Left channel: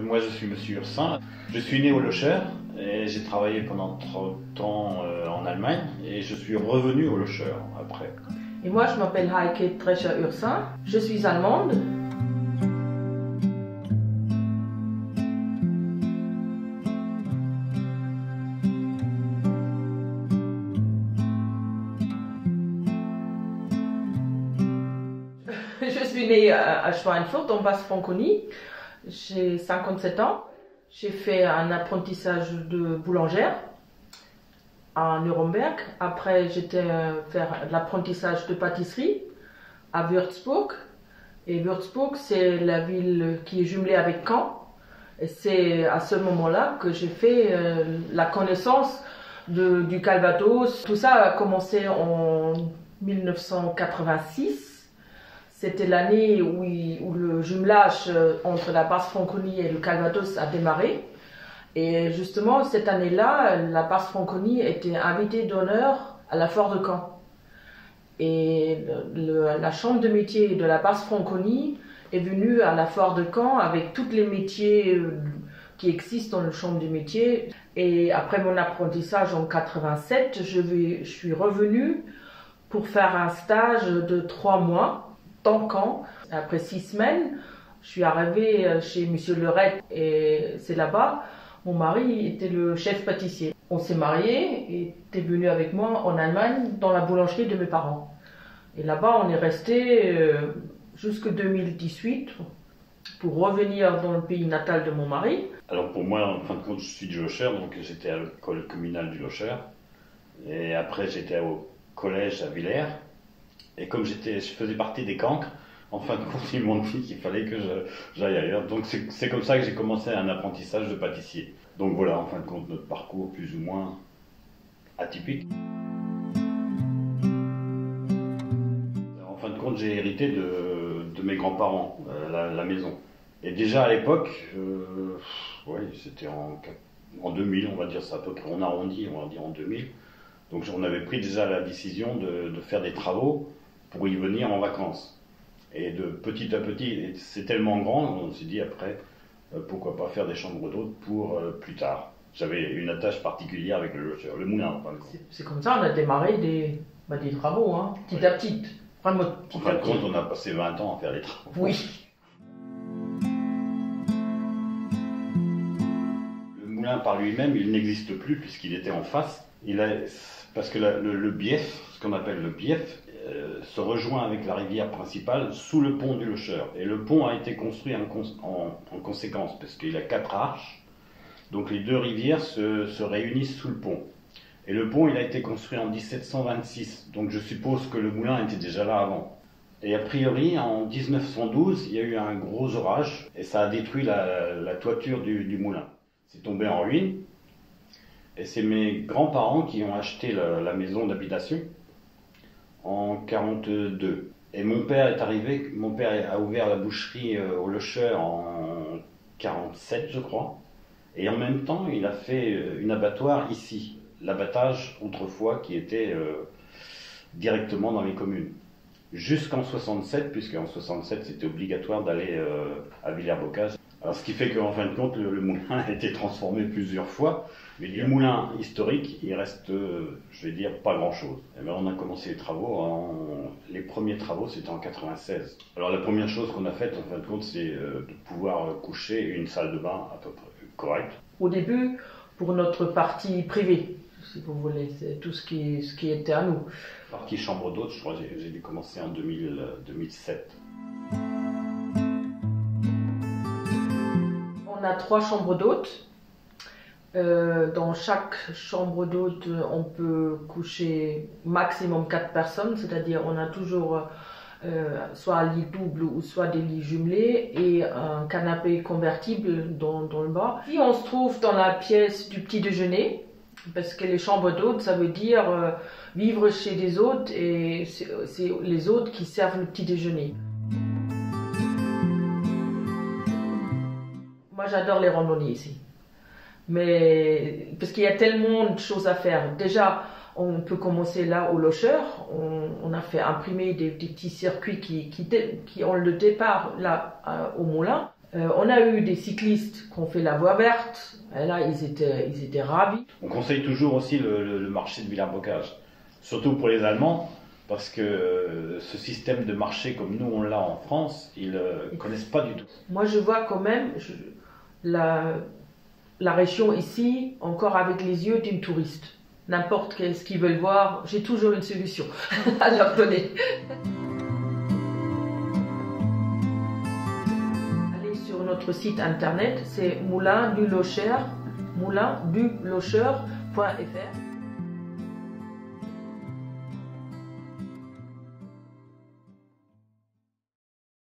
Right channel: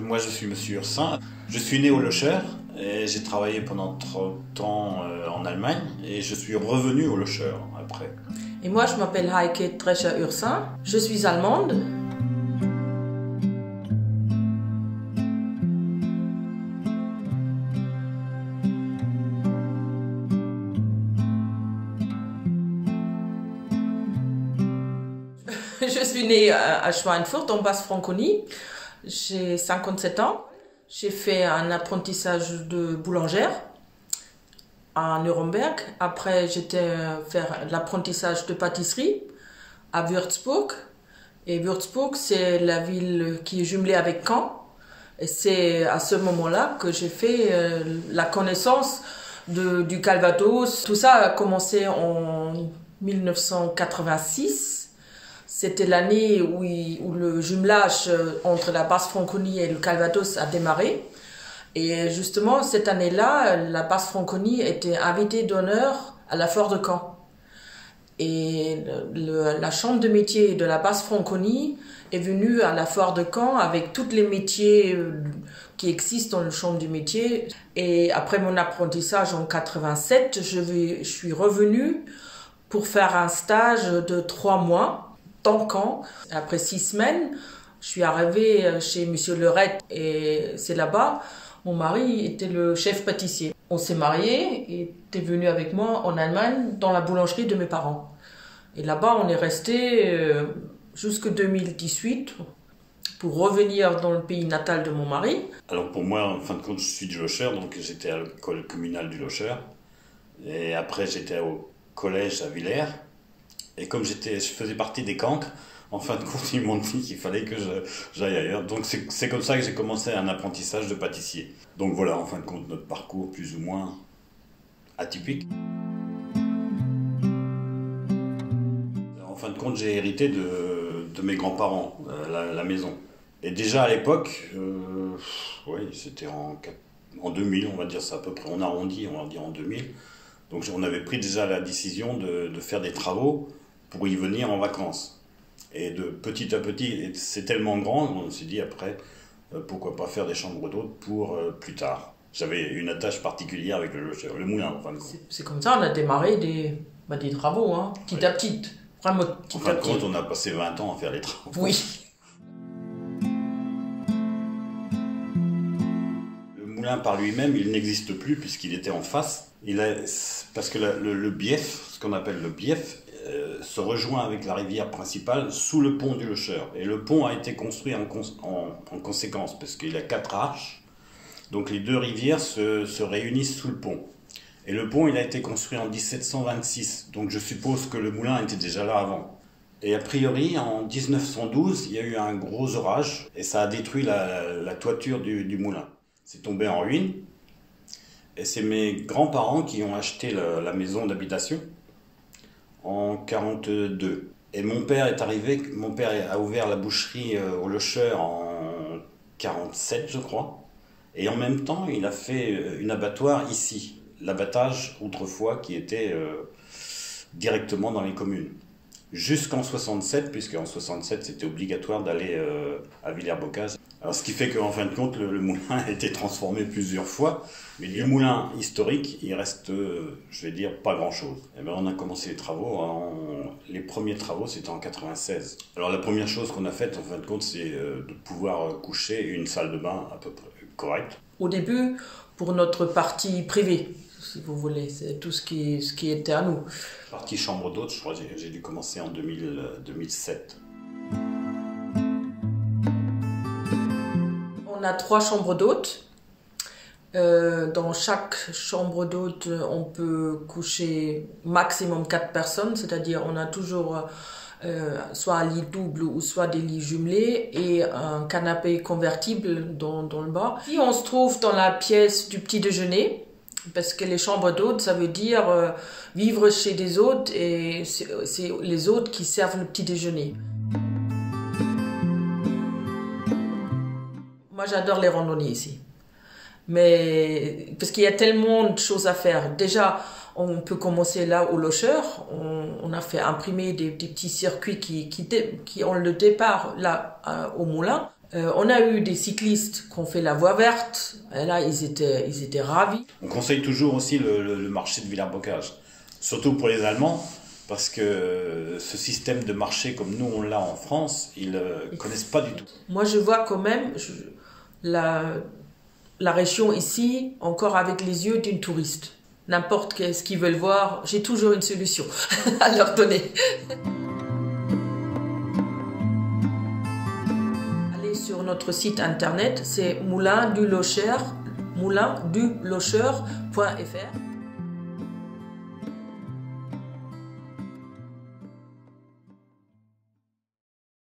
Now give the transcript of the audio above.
Moi, je suis Monsieur Ursin. Je suis né au Locher et j'ai travaillé pendant 30 ans en Allemagne et je suis revenu au Locher après. Et moi, je m'appelle Heike Drescher-Ursin. Je suis allemande. Je suis née à Schweinfurt, en Basse-Franconie. J'ai 57 ans. J'ai fait un apprentissage de boulangère à Nuremberg. Après, j'étais faire l'apprentissage de pâtisserie à Würzburg. Et Würzburg, c'est la ville qui est jumelée avec Caen. Et c'est à ce moment-là que j'ai fait la connaissance du Calvados. Tout ça a commencé en 1986. C'était l'année où le jumelage entre la Basse-Franconie et le Calvados a démarré. Et justement, cette année-là, la Basse-Franconie était invitée d'honneur à la Foire de Caen. Et la Chambre de métiers de la Basse-Franconie est venue à la Foire de Caen avec tous les métiers qui existent dans la Chambre des métiers. Et après mon apprentissage en 87, je suis revenue pour faire un stage de 3 mois. Caen. Après 6 semaines, je suis arrivée chez Monsieur Leurette et c'est là-bas, mon mari était le chef pâtissier. On s'est mariés et était venu avec moi en Allemagne dans la boulangerie de mes parents. Et là-bas, on est resté jusqu'en 2018 pour revenir dans le pays natal de mon mari. Alors pour moi, en fin de compte, je suis du Locher, donc j'étais à l'école communale du Locher. Et après, j'étais au collège à Villers. Et comme je faisais partie des cancres, en fin de compte, ils m'ont dit qu'il fallait que j'aille ailleurs. Donc c'est comme ça que j'ai commencé un apprentissage de pâtissier. Donc voilà, en fin de compte, notre parcours plus ou moins atypique. En fin de compte, j'ai hérité de mes grands-parents, la maison. Et déjà à l'époque, oui, c'était en 2000, on va dire ça à peu près, on arrondit, on va dire en 2000. Donc on avait pris déjà la décision de faire des travaux pour y venir en vacances. Et de petit à petit, c'est tellement grand, on s'est dit après, pourquoi pas faire des chambres d'hôtes pour plus tard. J'avais une attache particulière avec le moulin. Enfin, c'est comme ça, on a démarré des travaux, hein, petit à petit. Vraiment petit à petit. En fin de compte, on a passé 20 ans à faire les travaux. Oui. Le moulin par lui-même, il n'existe plus puisqu'il était en face. Parce que le bief, ce qu'on appelle le bief, se rejoint avec la rivière principale sous le pont du Locher. Et le pont a été construit en conséquence, parce qu'il a 4 arches. Donc les deux rivières se réunissent sous le pont. Et le pont, il a été construit en 1726. Donc je suppose que le moulin était déjà là avant. Et a priori, en 1912, il y a eu un gros orage, et ça a détruit la toiture du moulin. C'est tombé en ruine. Et c'est mes grands-parents qui ont acheté la maison d'habitation en 1942. Et mon père est arrivé, mon père a ouvert la boucherie au Locher en 1947, je crois. Et en même temps, il a fait une abattoir ici, l'abattage autrefois qui était directement dans les communes. Jusqu'en 67, puisqu'en 67 c'était obligatoire d'aller à Villers-Bocage. Alors ce qui fait qu'en fin de compte, le moulin a été transformé plusieurs fois. Mais du moulin historique, il reste, je vais dire, pas grand-chose. Et bien on a commencé les travaux, les premiers travaux c'était en 96. Alors la première chose qu'on a faite en fin de compte, c'est de pouvoir coucher une salle de bain à peu près correcte. Au début, pour notre partie privée, si vous voulez, c'est tout ce qui était à nous. Partie chambre d'hôte, je crois que j'ai dû commencer en 2007. On a 3 chambres d'hôtes. Dans chaque chambre d'hôte, on peut coucher maximum 4 personnes, c'est-à-dire on a toujours soit un lit double ou soit des lits jumelés et un canapé convertible dans le bas. Puis on se trouve dans la pièce du petit déjeuner, parce que les chambres d'hôtes, ça veut dire vivre chez des hôtes et c'est les hôtes qui servent le petit déjeuner. Moi j'adore les randonnées ici. Mais parce qu'il y a tellement de choses à faire. Déjà, on peut commencer là au Locher. On a fait imprimer des petits circuits qui ont le départ là au moulin. On a eu des cyclistes qui ont fait la voie verte, et là ils étaient ravis. On conseille toujours aussi le marché de Villers-Bocage, surtout pour les Allemands, parce que ce système de marché comme nous on l'a en France, ils ne connaissent pas du tout. Moi je vois quand même la région ici encore avec les yeux d'une touriste. N'importe ce qu'ils veulent voir, j'ai toujours une solution à leur donner. Sur notre site internet, c'est moulindulocher.fr.